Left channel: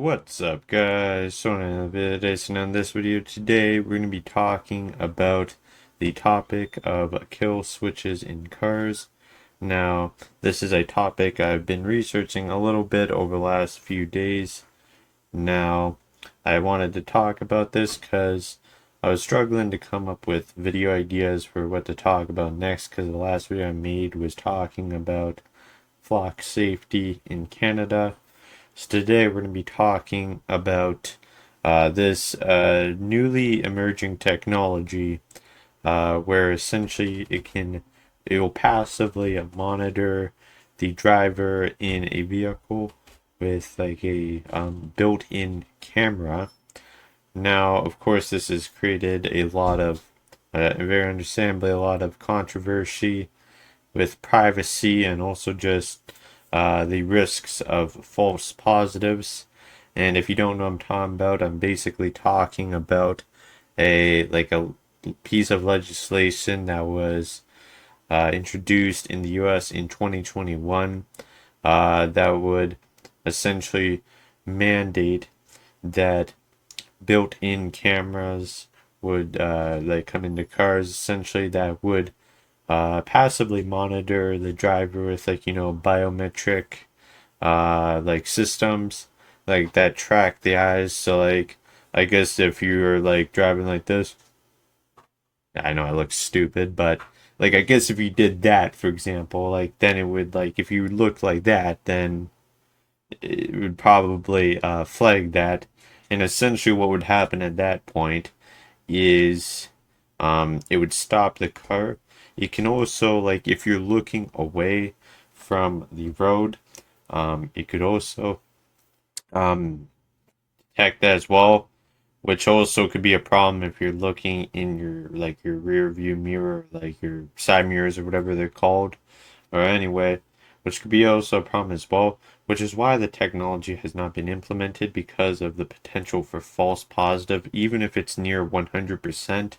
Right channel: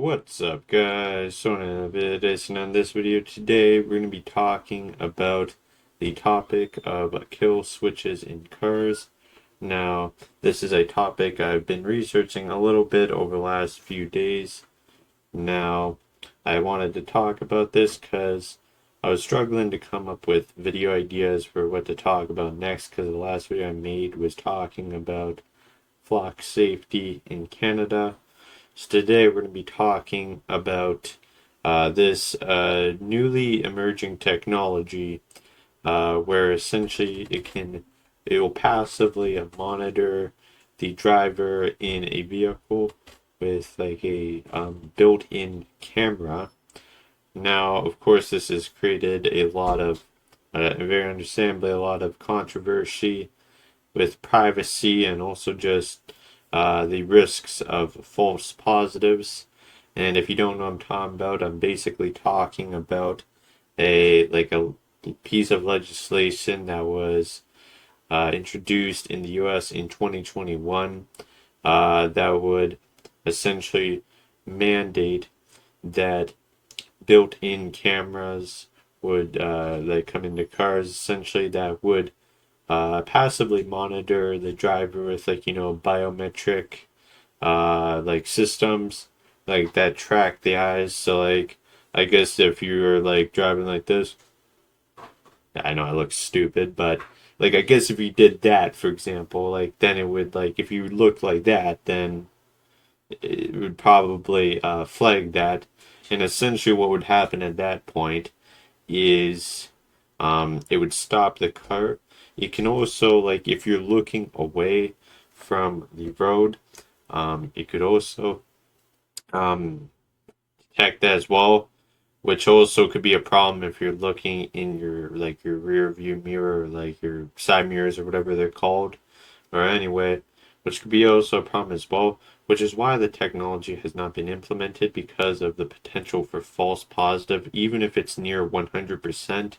What's up, guys? So on this video today, we're going to be talking about the topic of kill switches in cars. Now, this is a topic I've been researching a little bit over the last few days. Now, I wanted to talk about this because I was struggling to come up with video ideas for what to talk about next, because the last video I made was talking about flock safety in Canada. So today we're going to be talking about this newly emerging technology where essentially it will passively monitor the driver in a vehicle with like a built-in camera. Now, of course, this has created a lot of, very understandably, a lot of controversy with privacy and also just the risks of false positives. And if you don't know what I'm talking about, I'm basically talking about a piece of legislation that was introduced in the US in 2021 that would essentially mandate that built-in cameras would come into cars, essentially, that would passively monitor the driver with biometric systems that track the eyes. So I guess if you're driving like this, I know it looks stupid, but I guess if you did that, for example, then it would, if you looked like that, then it would probably flag that. And essentially what would happen at that point is it would stop the car. It can also, if you're looking away from the road, it could also detect that as well, which also could be a problem if you're looking in your rear view mirror, your side mirrors or whatever they're called, or anyway, which could be also a problem as well, which is why the technology has not been implemented, because of the potential for false positive, even if it's near 100%,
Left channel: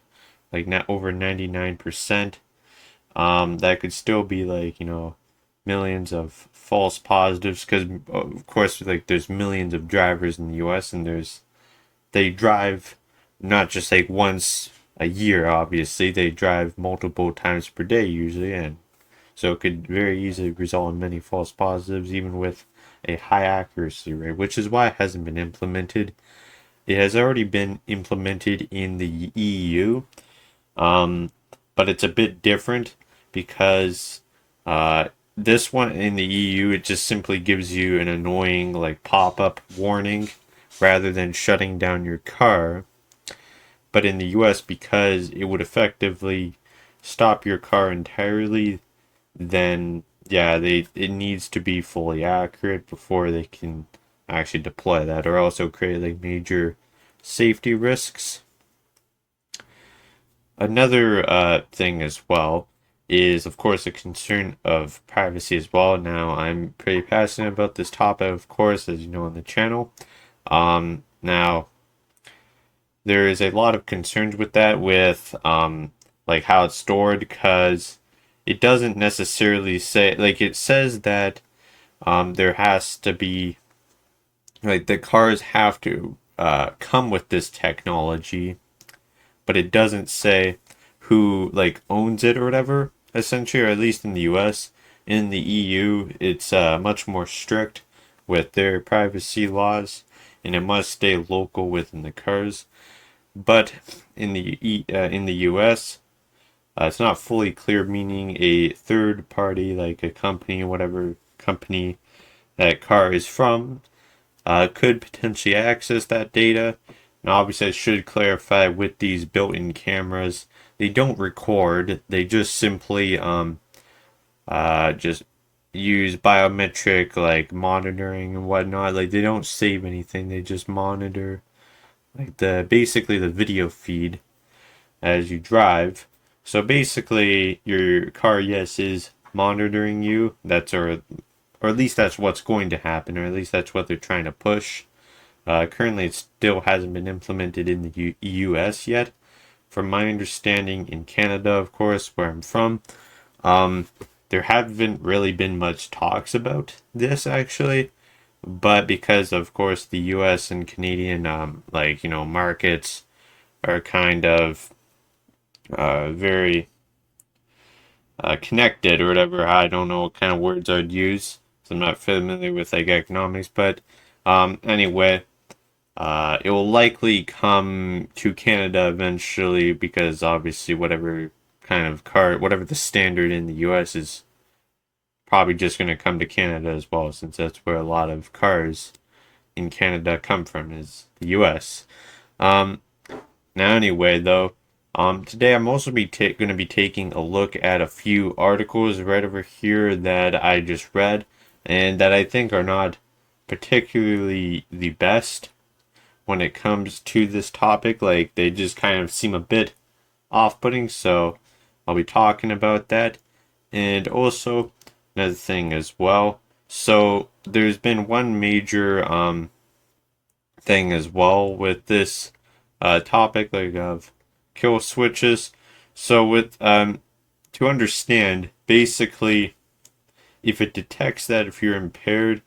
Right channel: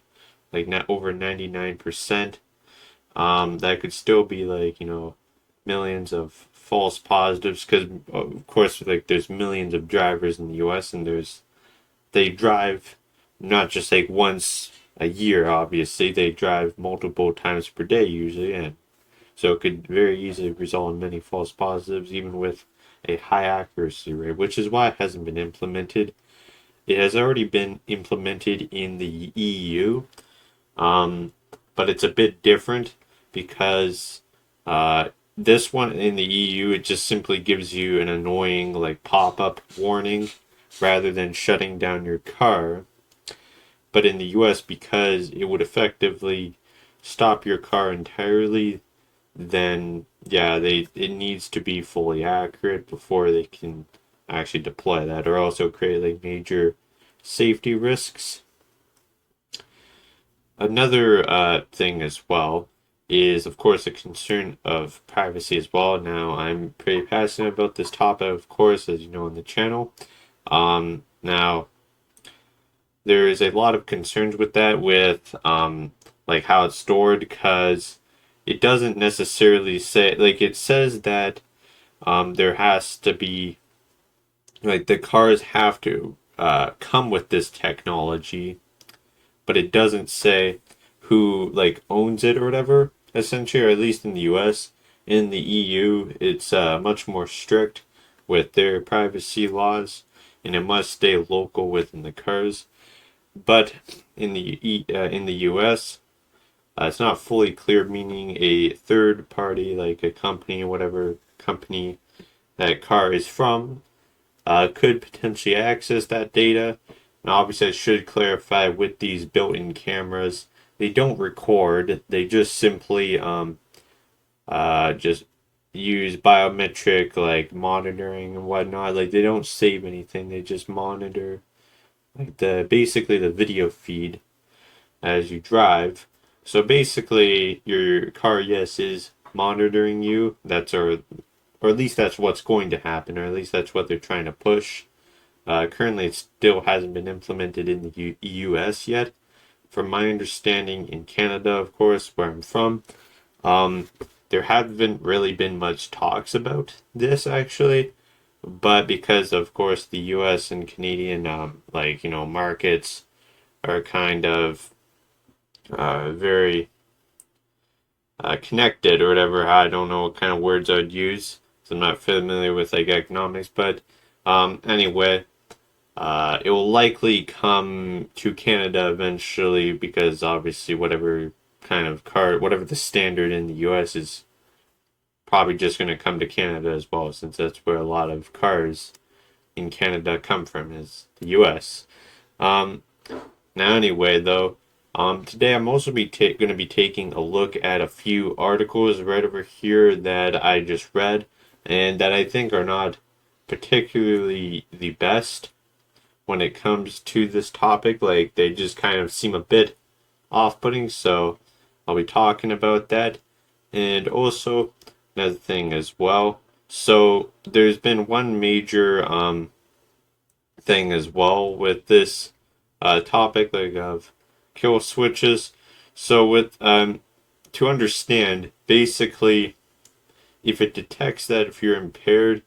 not over 99%. That could still be millions of false positives, because of course there's millions of drivers in the US, and they drive not just once a year. Obviously they drive multiple times per day usually, and so it could very easily result in many false positives, even with a high accuracy rate, which is why it hasn't been implemented. It has already been implemented in the EU, but it's a bit different, because this one in the EU, it just simply gives you an annoying pop-up warning rather than shutting down your car. But in the US, because it would effectively stop your car entirely, then yeah, it needs to be fully accurate before they can actually deploy that, or also create major safety risks. Another thing as well is, of course, a concern of privacy as well. Now, I'm pretty passionate about this topic, of course, as you know, on the channel. Now, there is a lot of concerns with that, with how it's stored, because it doesn't necessarily say, it says that there has to be, the cars have to come with this technology, but it doesn't say who owns it or whatever, essentially, or at least in the US. In the EU, it's much more strict with their privacy laws, and it must stay local within the cars. But in the US, it's not fully clear, meaning a third party, like a company, whatever company that car is from, could potentially access that data. And obviously, I should clarify, with these built-in cameras, they don't record. They just simply just use biometric monitoring and whatnot. They don't save anything. They just monitor basically the video feed as you drive. So basically, your car, yes, is monitoring you. Or at least that's what's going to happen, or at least that's what they're trying to push. Currently, it still hasn't been implemented in the US yet. From my understanding, in Canada, of course, where I'm from, there haven't really been much talks about this, actually. but because of course the U.S. and Canadian markets are kind of very connected or whatever. I don't know what kind of words I'd use. So I'm not familiar with like economics, but anyway, it will likely come to Canada eventually because obviously whatever kind of car, whatever the standard in the U.S. is probably just going to come to Canada as well, since that's where a lot of cars in Canada come from, is the U.S. Um, Now, anyway, though, today I'm also going to be taking a look at a few articles right over here that I just read and that I think are not particularly the best when it comes to this topic. Like, they just kind of seem a bit off-putting, so I'll be talking about that. And also, another thing as well. So, there's been one major thing as well with this topic like of kill switches. So with to understand, basically, if it detects that if you're impaired,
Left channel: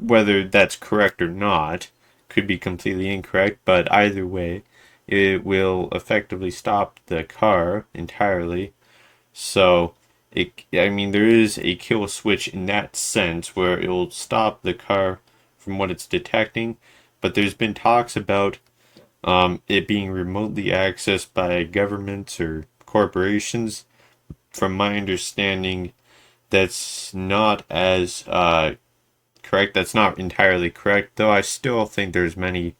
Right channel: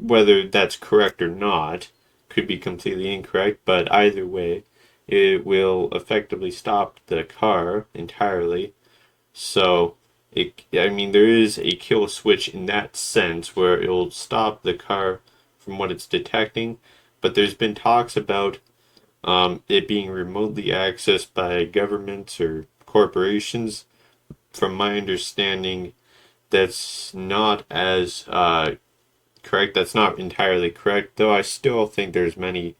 whether that's correct or not, could be completely incorrect, but either way, it will effectively stop the car entirely. So I mean, there is a kill switch in that sense where it'll stop the car from what it's detecting, but there's been talks about it being remotely accessed by governments or corporations. From my understanding, that's not as correct. That's not entirely correct, though I still think there's many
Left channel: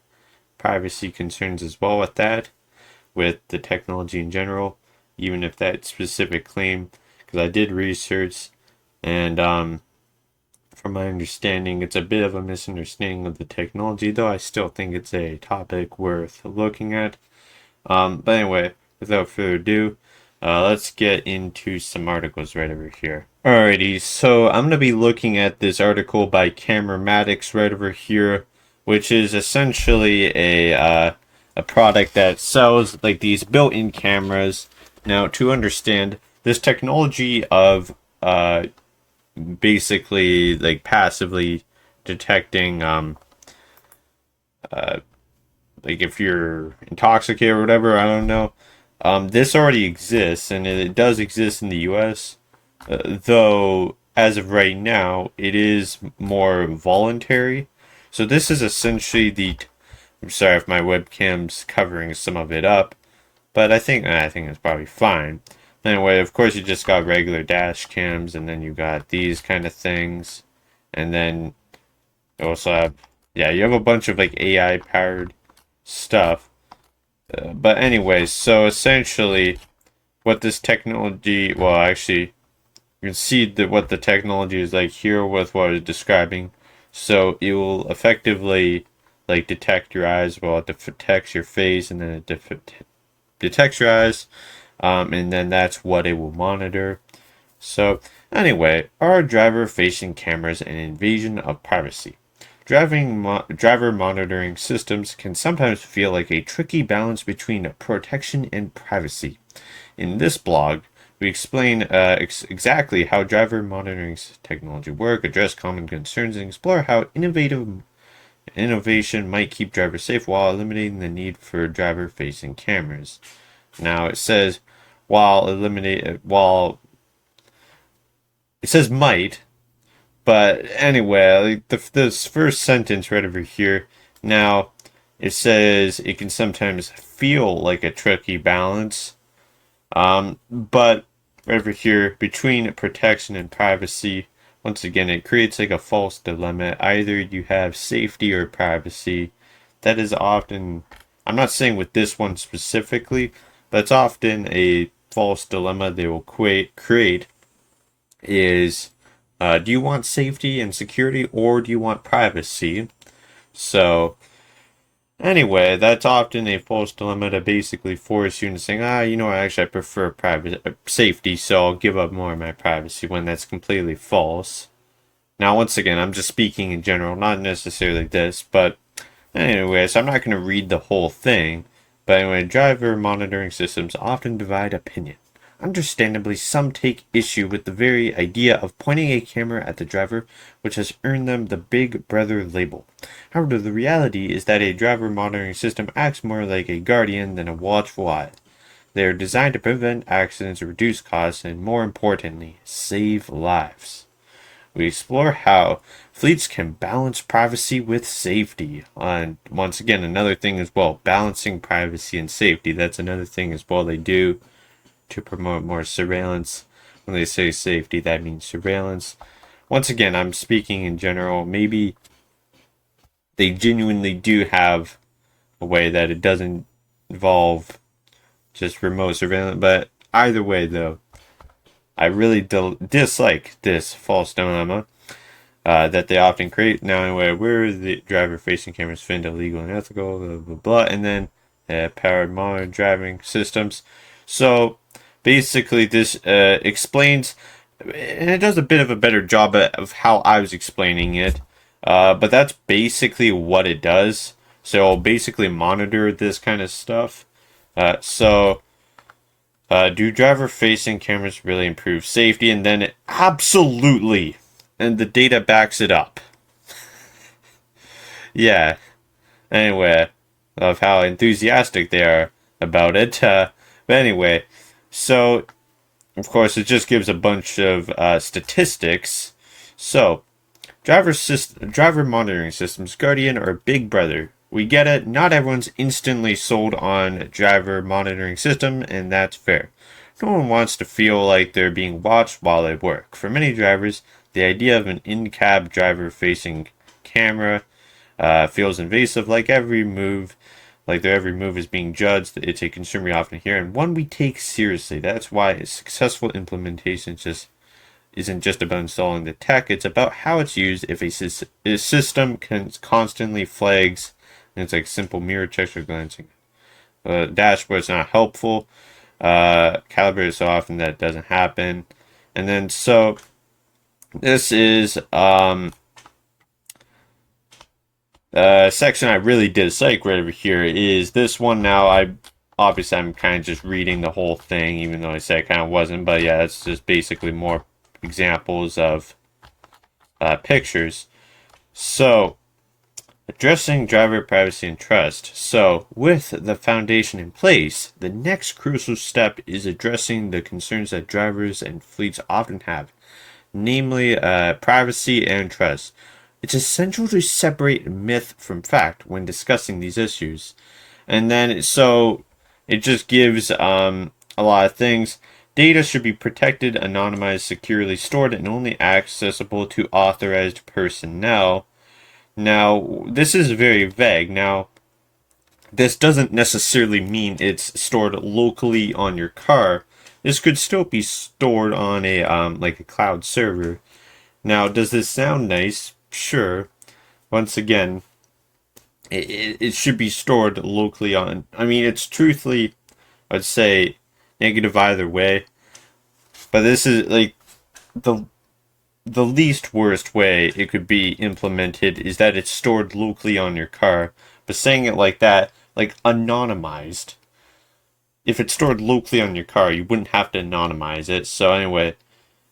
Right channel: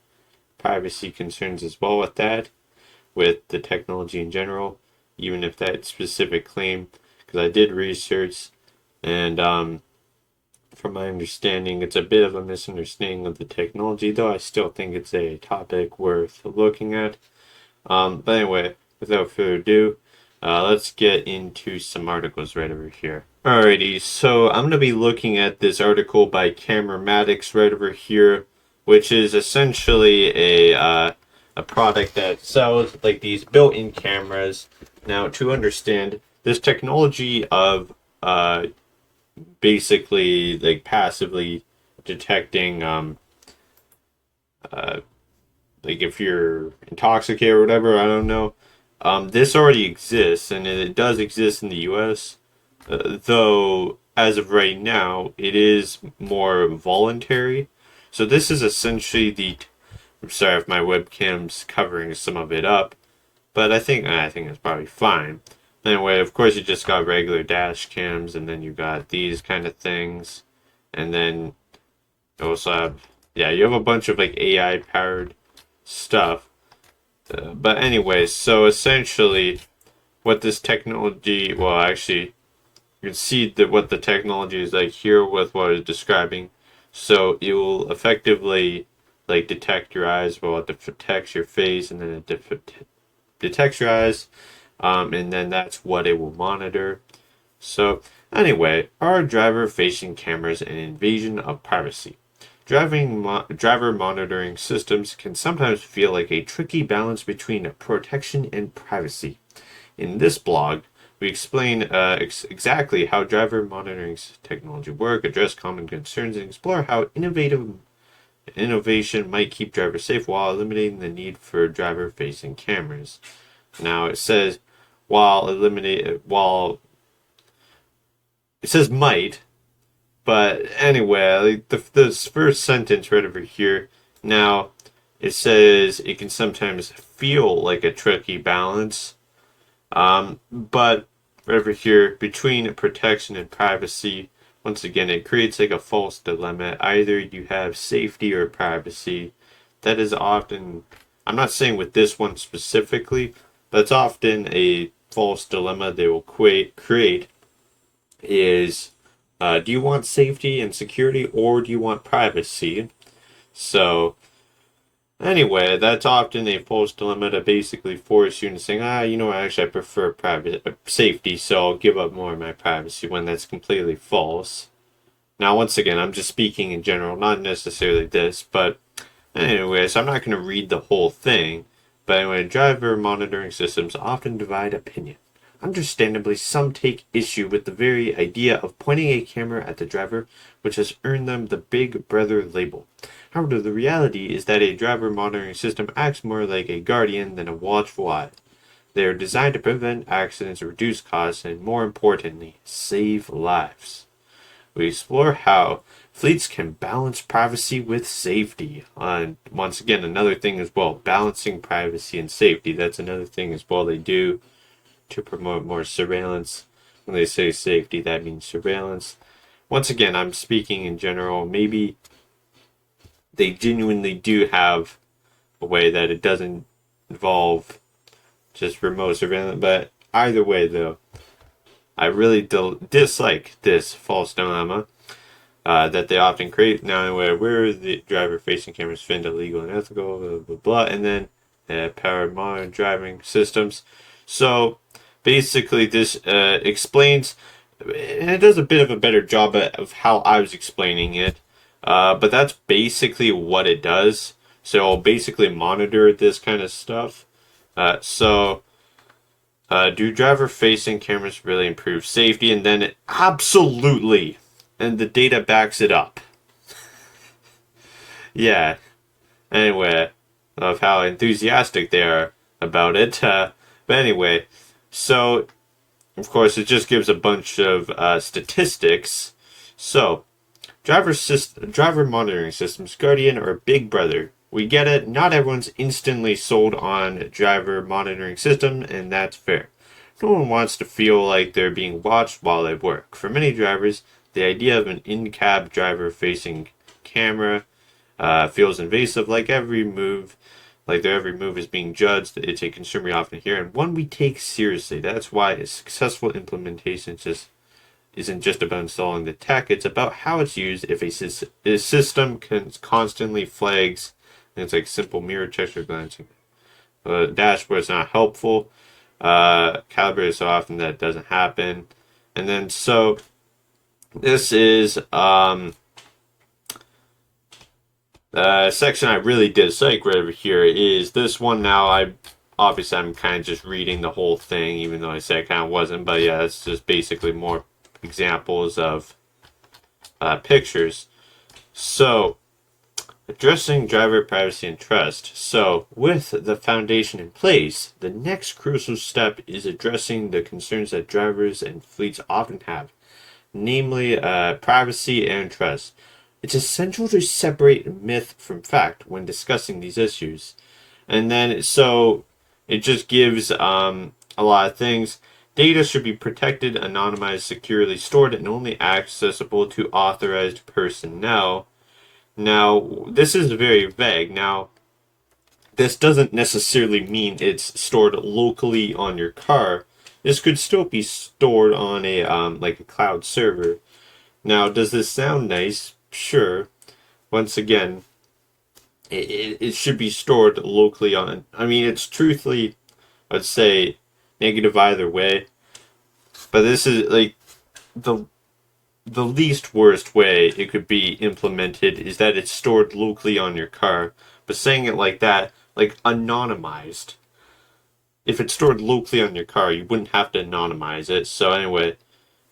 privacy concerns as well with that, with the technology in general, even if that specific claim, because I did research and from my understanding, it's a bit of a misunderstanding of the technology, though I still think it's a topic worth looking at. But anyway, without further ado, let's get into some articles right over here. Alrighty, so I'm going to be looking at this article by CameraMatics right over here, which is essentially a product that sells like these built-in cameras. Now, to understand this technology of basically like passively detecting like if you're intoxicated or whatever, I don't know. This already exists and it does exist in the US, though as of right now it is more voluntary. So this is essentially I'm sorry if my webcam's covering some of it up, but I think it's probably fine. Anyway, of course, you just got regular dash cams, and then you got these kind of things, and then you also have, yeah, you have a bunch of like AI powered stuff. But anyway, so essentially, what this technology, well, actually, you can see that what the technology is like here with what I was describing. So it will effectively like detect your eyes, well, it detects your face, and then it detects your eyes. And then that's what it will monitor. So anyway, are driver-facing cameras an invasion of privacy? Driver monitoring systems can sometimes feel like a tricky balance between protection and privacy. In this blog, we explain exactly how driver monitoring technology work, address common concerns, and explore how innovation might keep drivers safe while eliminating the need for driver-facing cameras. Now it says while it says might, but anyway, like this first sentence right over here. Now it says it can sometimes feel like a tricky balance, but over here between protection and privacy, once again it creates like a false dilemma. Either you have safety or privacy. That is often, I'm not saying with this one specifically, but it's often a false dilemma they will create is do you want safety and security or do you want privacy? So anyway, that's often a false dilemma to basically force you into saying, actually I prefer safety, so I'll give up more of my privacy, when that's completely false. Now, once again, I'm just speaking in general, not necessarily this, but anyway, so I'm not going to read the whole thing. But anyway, driver monitoring systems often divide opinion. Understandably, some take issue with the very idea of pointing a camera at the driver, which has earned them the Big Brother label. However, the reality is that a driver monitoring system acts more like a guardian than a watchful eye. They are designed to prevent accidents, reduce costs, and more importantly, save lives. We explore how fleets can balance privacy with safety. Once again, another thing as well, balancing privacy and safety. That's another thing as well they do to promote more surveillance. When they say safety, that means surveillance. Once again, I'm speaking in general. Maybe they genuinely do have a way that it doesn't involve just remote surveillance. But either way, though, I really dislike this false dilemma that they often create. Now, where the driver-facing cameras find illegal and ethical, blah, blah, blah, and then powered modern driving systems. So, basically, this explains, and it does a bit of a better job of how I was explaining it, but that's basically what it does. So, I'll basically monitor this kind of stuff. Do driver-facing cameras really improve safety? And then absolutely, and the data backs it up. Yeah. Anyway, of how enthusiastic they are about it. But anyway, so of course it just gives a bunch of statistics. So, driver monitoring systems, Guardian or Big Brother. We get it. Not everyone's instantly sold on a driver monitoring system, and that's fair. No one wants to feel like they're being watched while they work. For many drivers, the idea of an in-cab driver-facing camera feels invasive, like their every move is being judged. It's a concern we often hear, and one we take seriously. That's why a successful implementation isn't just about installing the tech. It's about how it's used. If a system constantly flags, and it's like simple mirror checks or glancing, dashboard's not helpful. Calibrated so often that it doesn't happen. And then so this is section I really dislike right over here is this one. Now I'm kind of just reading the whole thing, even though I said I kind of wasn't. But yeah, it's just basically more examples of pictures. So, addressing driver privacy and trust. So, with the foundation in place, the next crucial step is addressing the concerns that drivers and fleets often have, namely privacy and trust. It's essential to separate myth from fact when discussing these issues. And then, so it just gives a lot of things. Data should be protected, anonymized, securely stored, and only accessible to authorized personnel. Now, this is very vague. Now, this doesn't necessarily mean it's stored locally on your car. This could still be stored on a like a cloud server. Now, does this sound nice? Sure. Once again, it should be stored locally on. I mean, it's truthfully, I'd say, negative either way. But this is like the least worst way it could be implemented is that it's stored locally on your car. But saying it like that, like anonymized. If it's stored locally on your car, you wouldn't have to anonymize it. So anyway,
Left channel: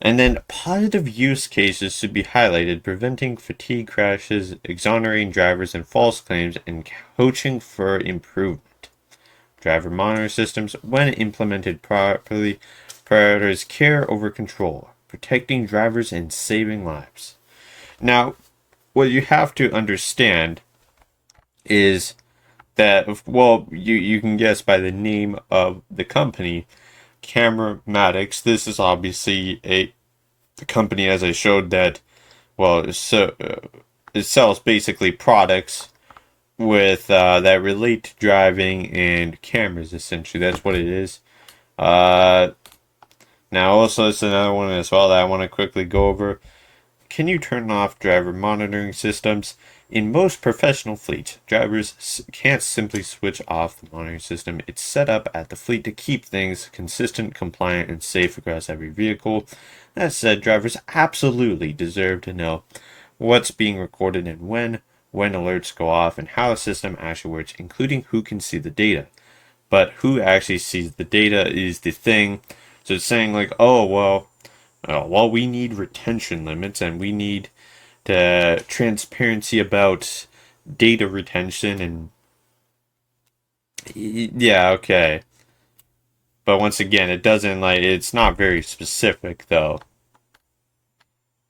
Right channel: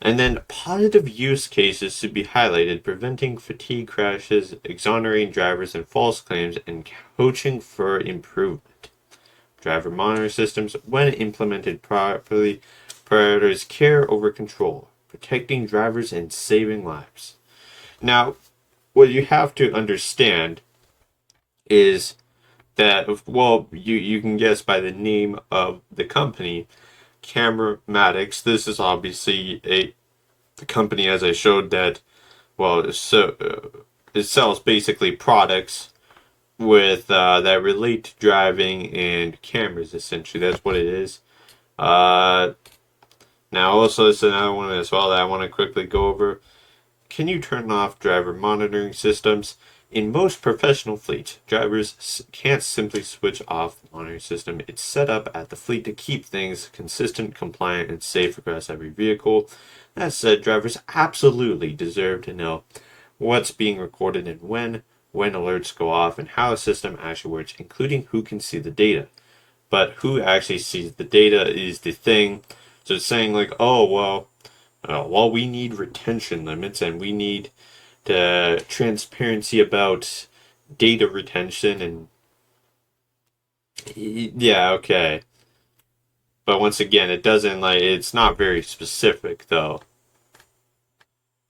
and then positive use cases should be highlighted, preventing fatigue crashes, exonerating drivers and false claims, and coaching for improvement. Driver monitoring systems, when implemented properly, prioritize care over control, protecting drivers and saving lives. Now, what you have to understand is that, well, you can guess by the name of the company, CameraMatics. This is obviously the company, as I showed, that, well, it sells basically products with that relate to driving and cameras. Essentially, that's what it is. Now, also, it's another one as well that I want to quickly go over. Can you turn off driver monitoring systems? In most professional fleets, drivers can't simply switch off the monitoring system. It's set up at the fleet to keep things consistent, compliant, and safe across every vehicle. That said, drivers absolutely deserve to know what's being recorded and when alerts go off, and how the system actually works, including who can see the data. But who actually sees the data is the thing. So it's saying like, oh well, we need retention limits and we need the transparency about data retention and yeah, okay. But once again, it doesn't like it's not very specific though.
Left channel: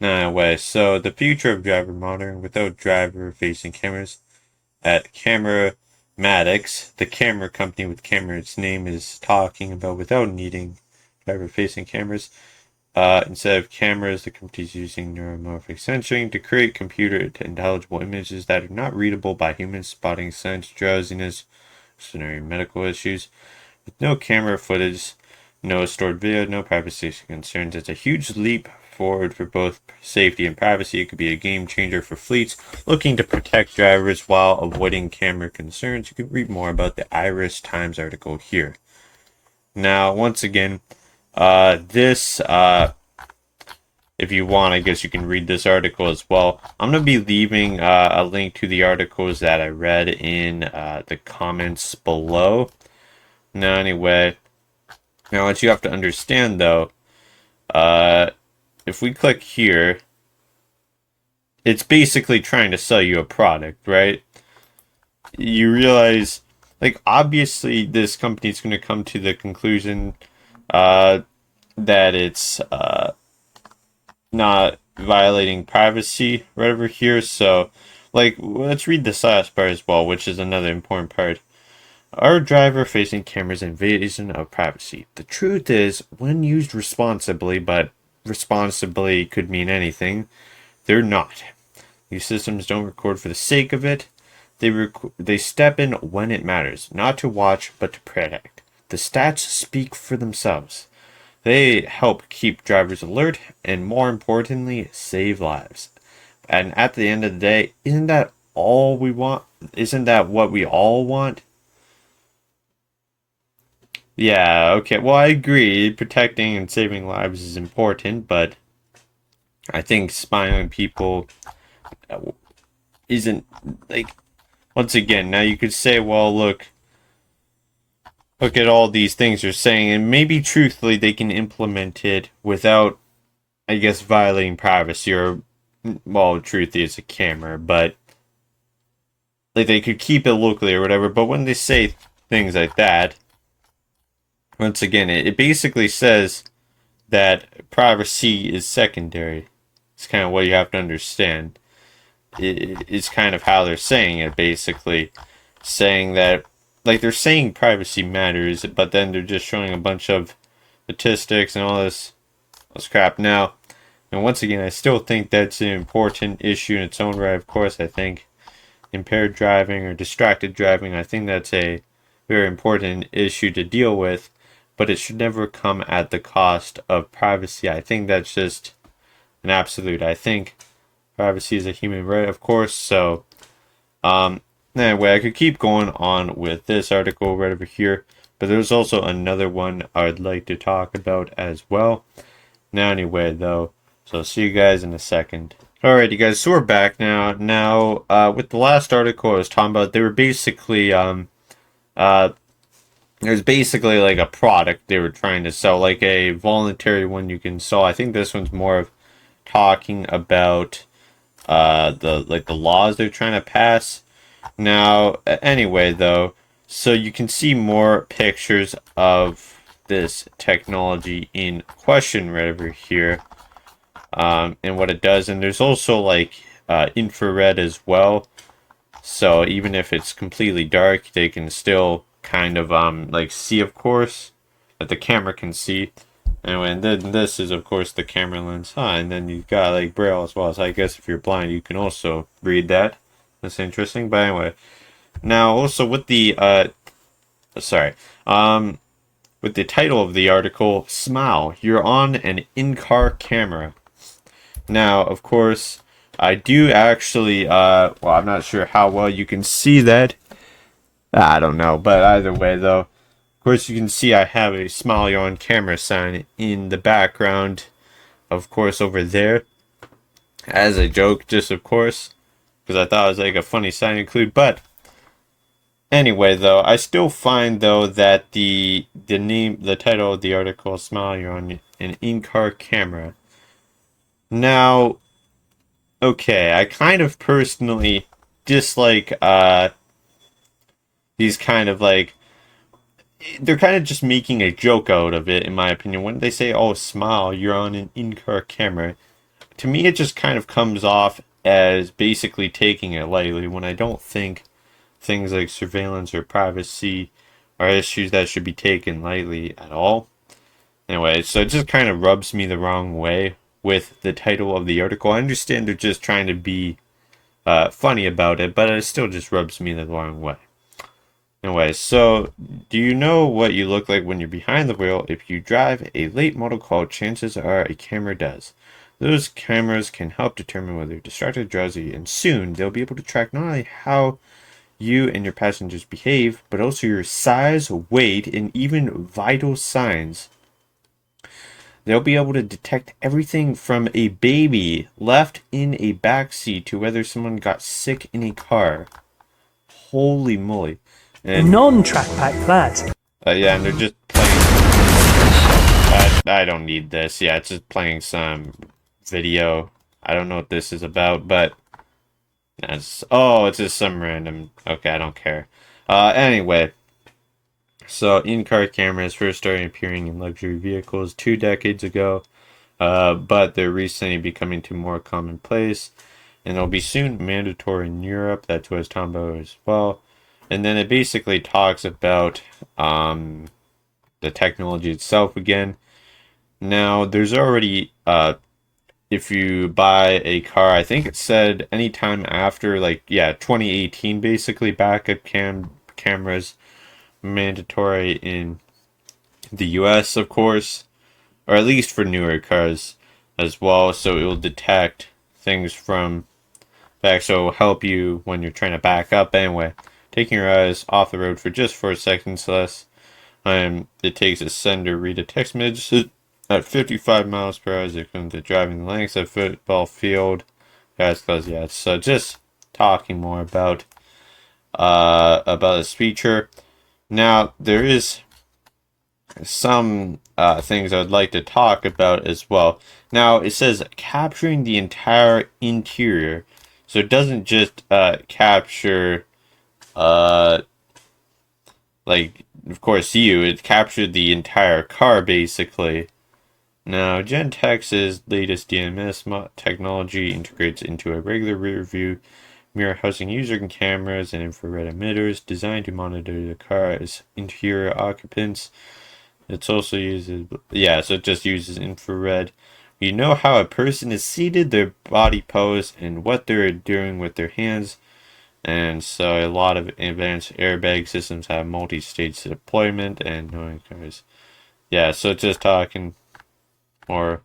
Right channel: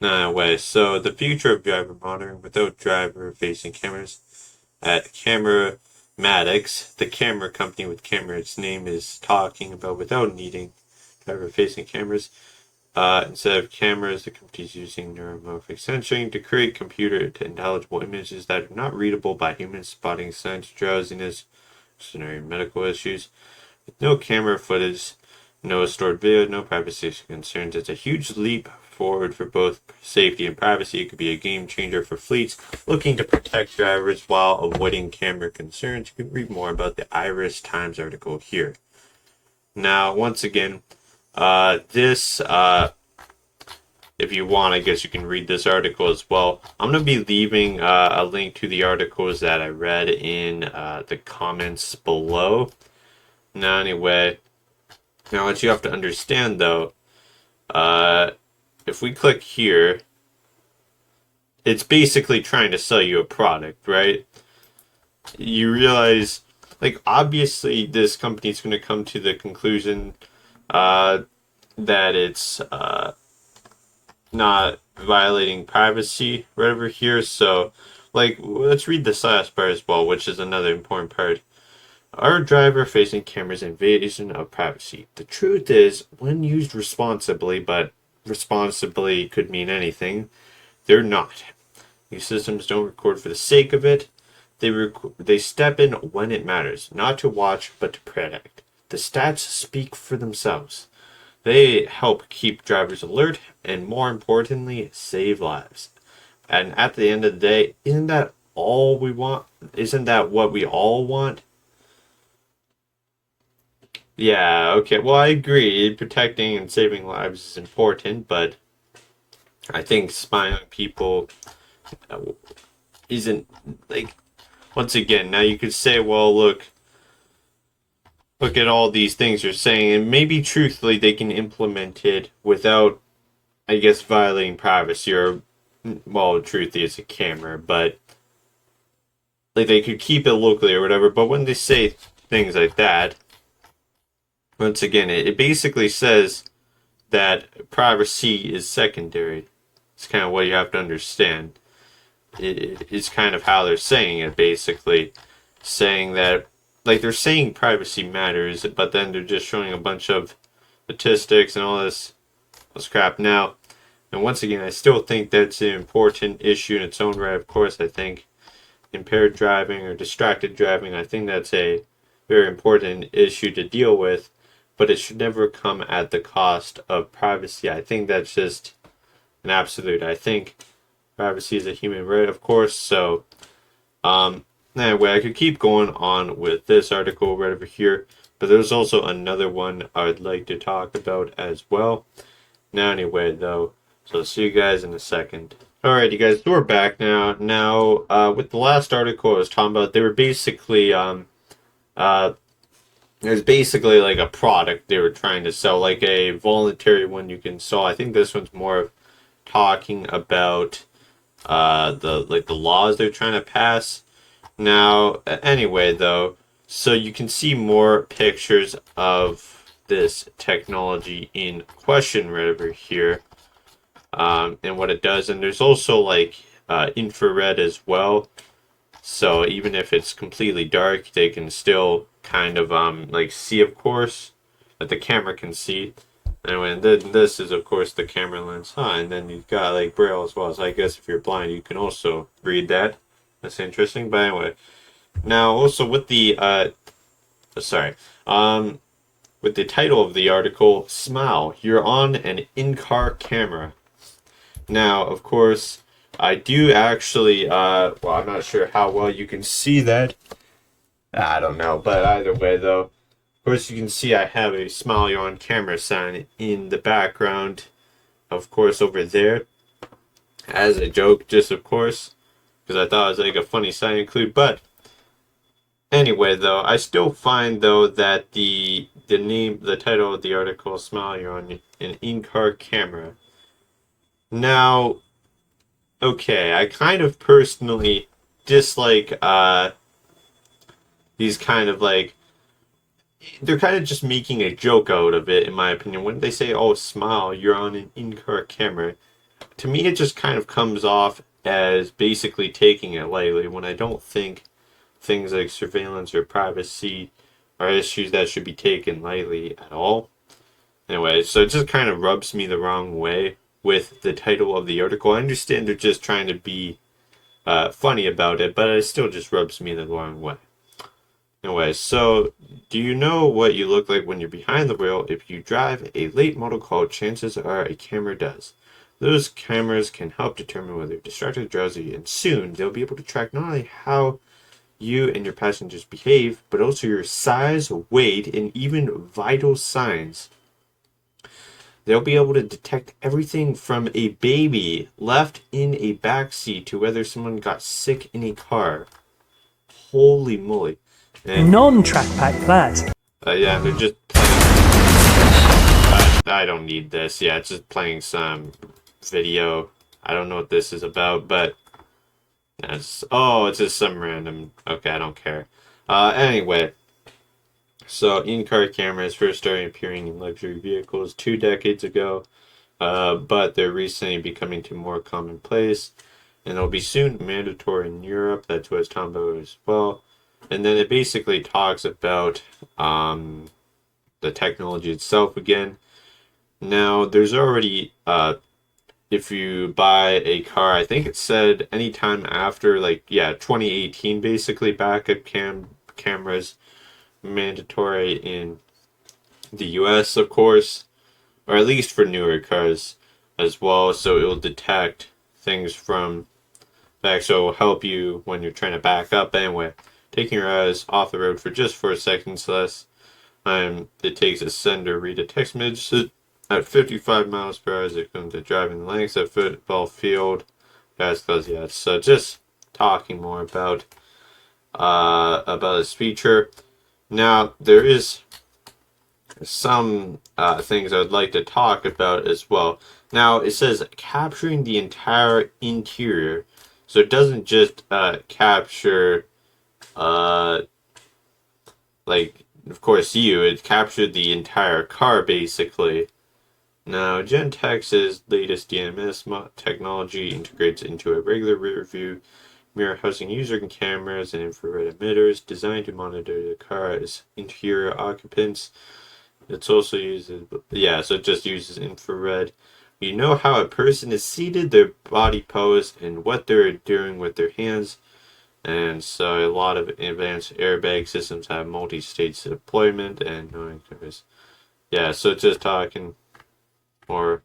No way. So the future of driver monitoring without driver-facing cameras at CameraMatics, the camera company with camera its name is talking about without needing driver-facing cameras. Instead of cameras, the company is using neuromorphic sensing to create computer intelligible images that are not readable by humans, spotting signs, drowsiness, scenario medical issues. With no camera footage, no stored video, no privacy concerns, it's a huge leap forward for both safety and privacy. It could be a game changer for fleets looking to protect drivers while avoiding camera concerns. You can read more about the Irish Times article here. Now, once again, this, if you want, I guess you can read this article as well. I'm going to be leaving a link to the articles that I read in the comments below. Now, anyway, now what you have to understand, though, if we click here, it's basically trying to sell you a product, right? You realize, like, obviously this company is going to come to the conclusion that it's not violating privacy right over here. So, like, let's read this last part as well, which is another important part. Are driver-facing cameras an invasion of privacy? The truth is, when used responsibly, but responsibly could mean anything, they're not. These systems don't record for the sake of it. They step in when it matters, not to watch, but to protect. The stats speak for themselves. They help keep drivers alert and, more importantly, save lives. And at the end of the day, isn't that all we want? Isn't that what we all want? Yeah, okay. Well, I agree. Protecting and saving lives is important, but I think spying on people isn't like once again, now you could say, well, look at all these things you're saying, and maybe truthfully they can implement it without, I guess, violating privacy or, well, truthfully it's a camera, but like they could keep it locally or whatever. But when they say things like that, once again, it basically says that privacy is secondary. It's kind of what you have to understand. It's kind of how they're saying it, basically. Saying that, like, they're saying privacy matters, but then they're just showing a bunch of statistics and all this crap. Now, and once again, I still think that's an important issue in its own right. Of course, I think impaired driving or distracted driving, I think that's a very important issue to deal with, but it should never come at the cost of privacy. I think that's just an absolute. I think privacy is a human right, of course. So, anyway, I could keep going on with this article right over here, but there's also another one I'd like to talk about as well. Now, anyway, though, so I'll see you guys in a second. Alright, you guys, so we're back now. Now, with the last article I was talking about, they were basically, there's basically like a product they were trying to sell, like a voluntary one you can sell. I think this one's more of talking about the laws they're trying to pass. Now, anyway, though, so you can see more pictures of this technology in question right over here, and what it does. And there's also like infrared as well. So even if it's completely dark, they can still kind of like see, of course, that the camera can see. Anyway, and then this is of course the camera lens. And then you've got like braille as well. So I guess if you're blind, you can also read that. That's interesting. But anyway, now also with the with the title of the article, "Smile, you're on an in-car camera." Now, of course, I do actually, well, I'm not sure how well you can see that. I don't know, but either way, though, of course, you can see I have a "Smile, you're on camera" sign in the background, of course, over there, as a joke, just of course, because I thought it was like a funny sign to include, but Anyway, though, I still find though that the title of the article, "Smile, you're on an in-car camera." Now, okay, I kind of personally dislike these kind of like they're kind of just making a joke out of it, in my opinion. When they say, "Oh, smile, you're on an in-car camera," to me, it just kind of comes off as basically taking it lightly. When I don't think things like surveillance or privacy are issues that should be taken lightly at all. Anyway, so it just kind of rubs me the wrong way with the title of the article. I understand they're just trying to be funny about it, but it still just rubs me the wrong way. Anyway, so do you know what you look like when you're behind the wheel? If you drive a late model car, chances are a camera does. Those cameras can help determine whether you're distracted, drowsy, and soon they'll be able to track not only how you and your passengers behave, but also your size, weight, and even vital signs. They'll be able to detect everything from a baby left in a backseat to whether someone got sick in a car. Holy moly. And Non-track pack that. yeah, and they're just playing. I don't need this. Yeah, it's just playing some video. I don't know what this is about, but it's just some random. Okay, I don't care. Anyway, so in-car cameras first started appearing in luxury vehicles 2 decades ago, but they're recently becoming to more commonplace, and they'll be soon mandatory in Europe. That's what it's talking about as well. And then it basically talks about the technology itself again. Now, there's already if you buy a car, I think it said anytime after 2018, basically backup cameras mandatory in the US, of course, or at least for newer cars as well. So it will detect things from back, so it will help you when you're trying to back up. Anyway, taking your eyes off the road for just 4 seconds less. It takes a sender read a text message at 55 miles per hour as it comes to driving lengths at football field. As close, yeah. So just talking more about this feature. Now there is some things I'd like to talk about as well. Now it says capturing the entire interior, so it doesn't just capture of course it captured the entire car basically. Now Gentex's latest DMS technology integrates into a regular rear view mirror housing user cameras and infrared emitters designed to monitor the car's interior occupants. It's also uses so it just uses infrared. You know how a person is seated, their body pose, and what they're doing with their hands. And so a lot of advanced airbag systems have multi-stage deployment and knowing cars. Yeah, so it's just talking more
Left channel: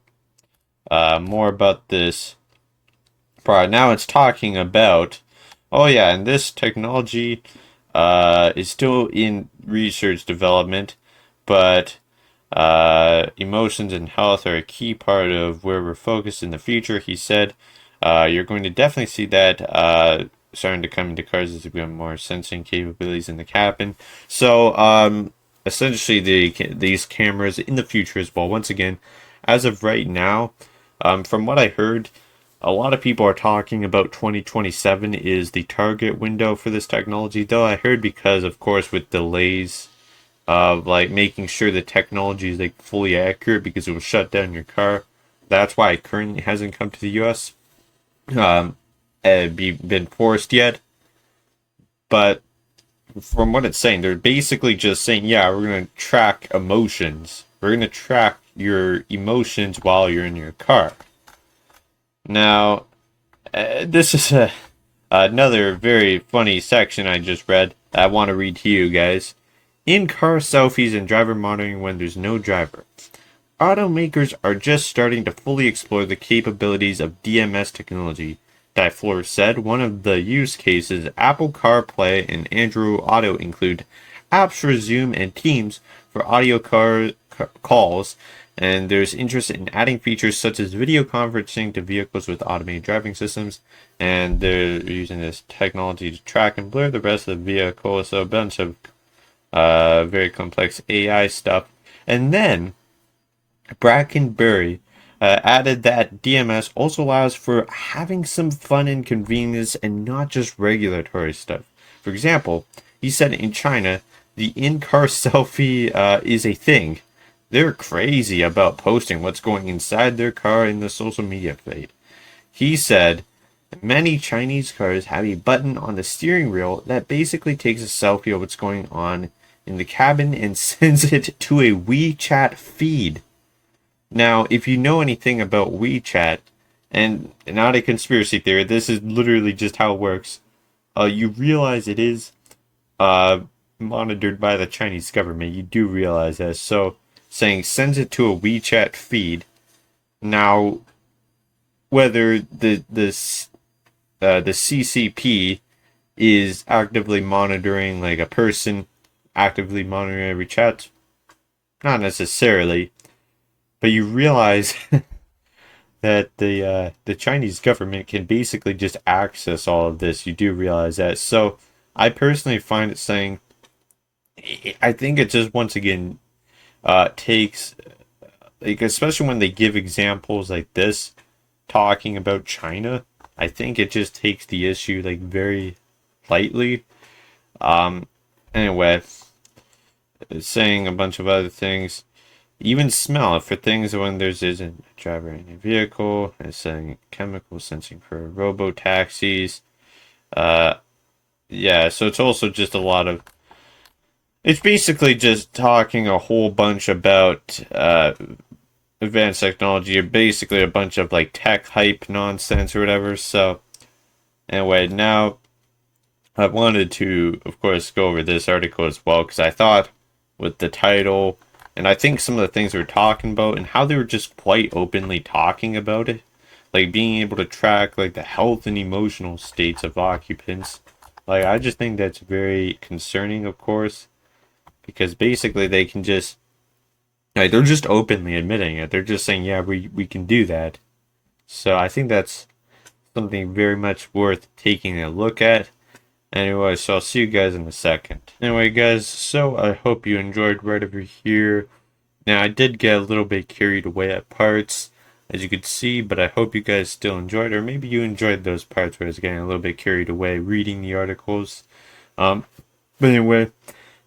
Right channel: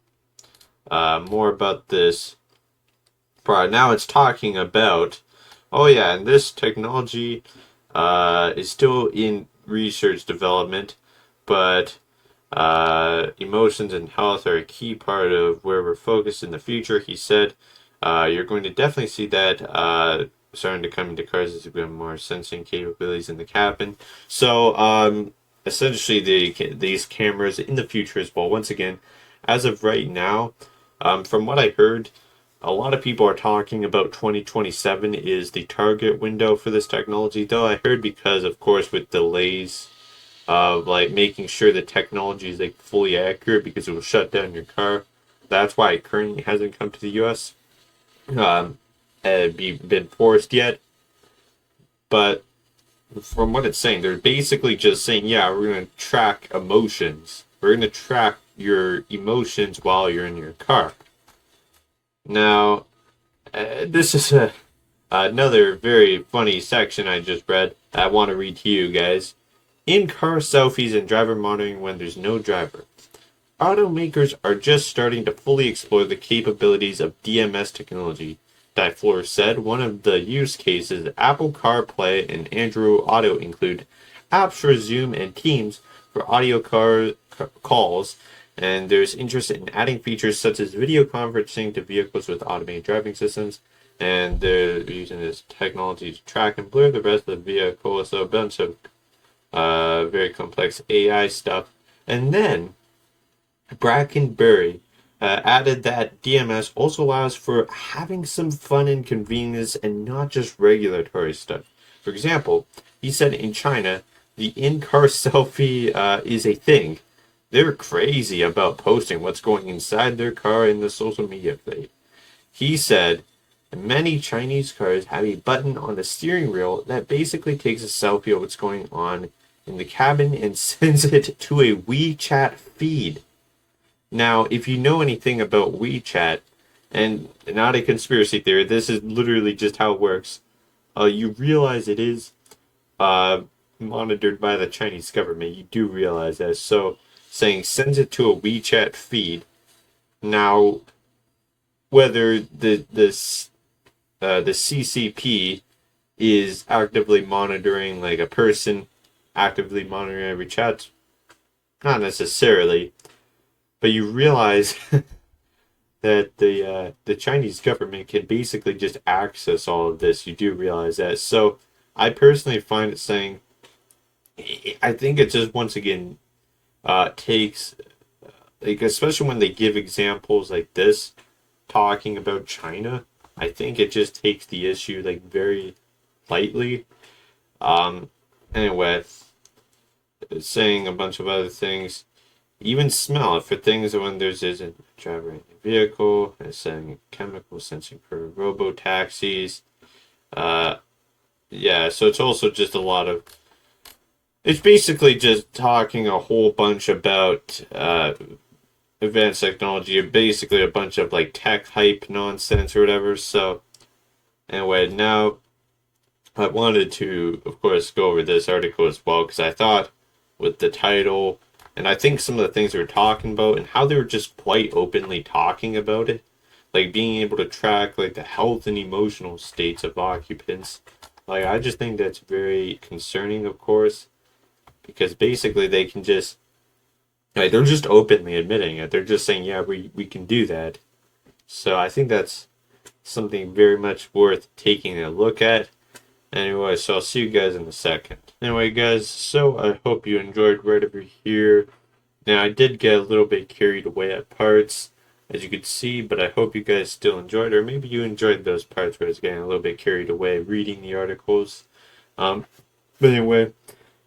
about this product. Now it's talking about and this technology is still in research development, but emotions and health are a key part of where we're focused in the future. He said you're going to definitely see that starting to come into cars as we have more sensing capabilities in the cabin. So essentially these cameras in the future as well. Once again, as of right now, from what I heard, a lot of people are talking about 2027 is the target window for this technology, though I heard because, of course, with delays of making sure the technology is fully accurate because it will shut down your car. That's why it currently hasn't come to the US. Been forced yet. But from what it's saying, they're basically just saying, we're going to track emotions. We're going to track your emotions while you're in your car. Now, this is another very funny section I just read that I want to read to you guys. In-car selfies and driver monitoring when there's no driver. Automakers are just starting to fully explore the capabilities of DMS technology. Dyflor said one of the use cases Apple CarPlay and Android Auto include apps for Zoom and Teams for audio calls, and there's interest in adding features such as video conferencing to vehicles with automated driving systems. and they're using this technology to track and blur the rest of the vehicle. So a bunch of very complex AI stuff. And then Brackenberry added that DMS also allows for having some fun and convenience and not just regulatory stuff. For example, he said in China, the in-car selfie is a thing. They're crazy about posting what's going inside their car in the social media feed. He said, many Chinese cars have a button on the steering wheel that basically takes a selfie of what's going on in the cabin and sends it to a WeChat feed. Now, if you know anything about WeChat, and not a conspiracy theory, this is literally just how it works, you realize it is monitored by the Chinese government. You do realize that. So, saying sends it to a WeChat feed. Now, whether the CCP is actively monitoring like a person, actively monitoring every chat, not necessarily. But you realize that the Chinese government can basically just access all of this. You do realize that. So I personally find it saying, I think it just once again takes, like, especially when they give examples like this, talking about China, I think it just takes the issue like very lightly. Anyway, saying a bunch of other things. Even smell for things when there's isn't a driver in a vehicle. It's saying chemical sensing for robo taxis. Yeah, so it's also just a lot of. It's basically just talking a whole bunch about advanced technology, or basically a bunch of like tech hype nonsense or whatever. So anyway, now I wanted to, of course, go over this article as well because I thought with the title. And I think some of the things they were talking about and how they were just quite openly talking about it, like being able to track like the health and emotional states of occupants. Like I just think that's very concerning, of course, because basically they can just like they're just openly admitting it. They're just saying, yeah, we can do that. So I think that's something very much worth taking a look at. Anyway, so I'll see you guys in a second. Anyway, guys, so I hope you enjoyed right over here. Now, I did get a little bit carried away at parts, as you could see, but I hope you guys still enjoyed, or maybe you enjoyed those parts where I was getting a little bit carried away reading the articles. But anyway,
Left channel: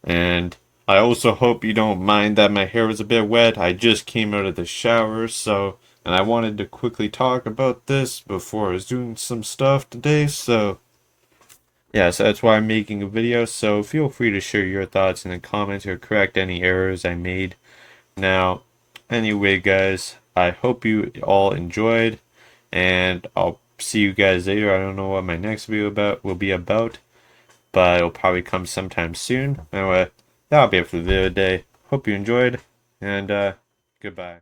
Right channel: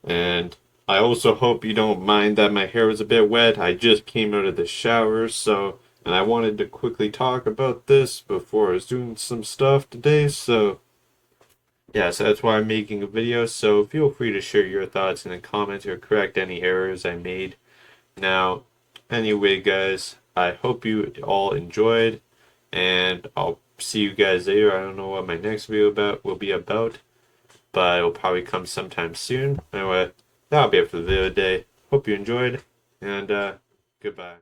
and I also hope you don't mind that my hair was a bit wet. I just came out of the shower, so, and I wanted to quickly talk about this before I was doing some stuff today, so yeah, so that's why I'm making a video, so feel free to share your thoughts in the comments or correct any errors I made. Now, anyway, guys, I hope you all enjoyed, and I'll see you guys later. I don't know what my next video will be about, but it'll probably come sometime soon. Anyway, that'll be it for the video today. Hope you enjoyed, and goodbye.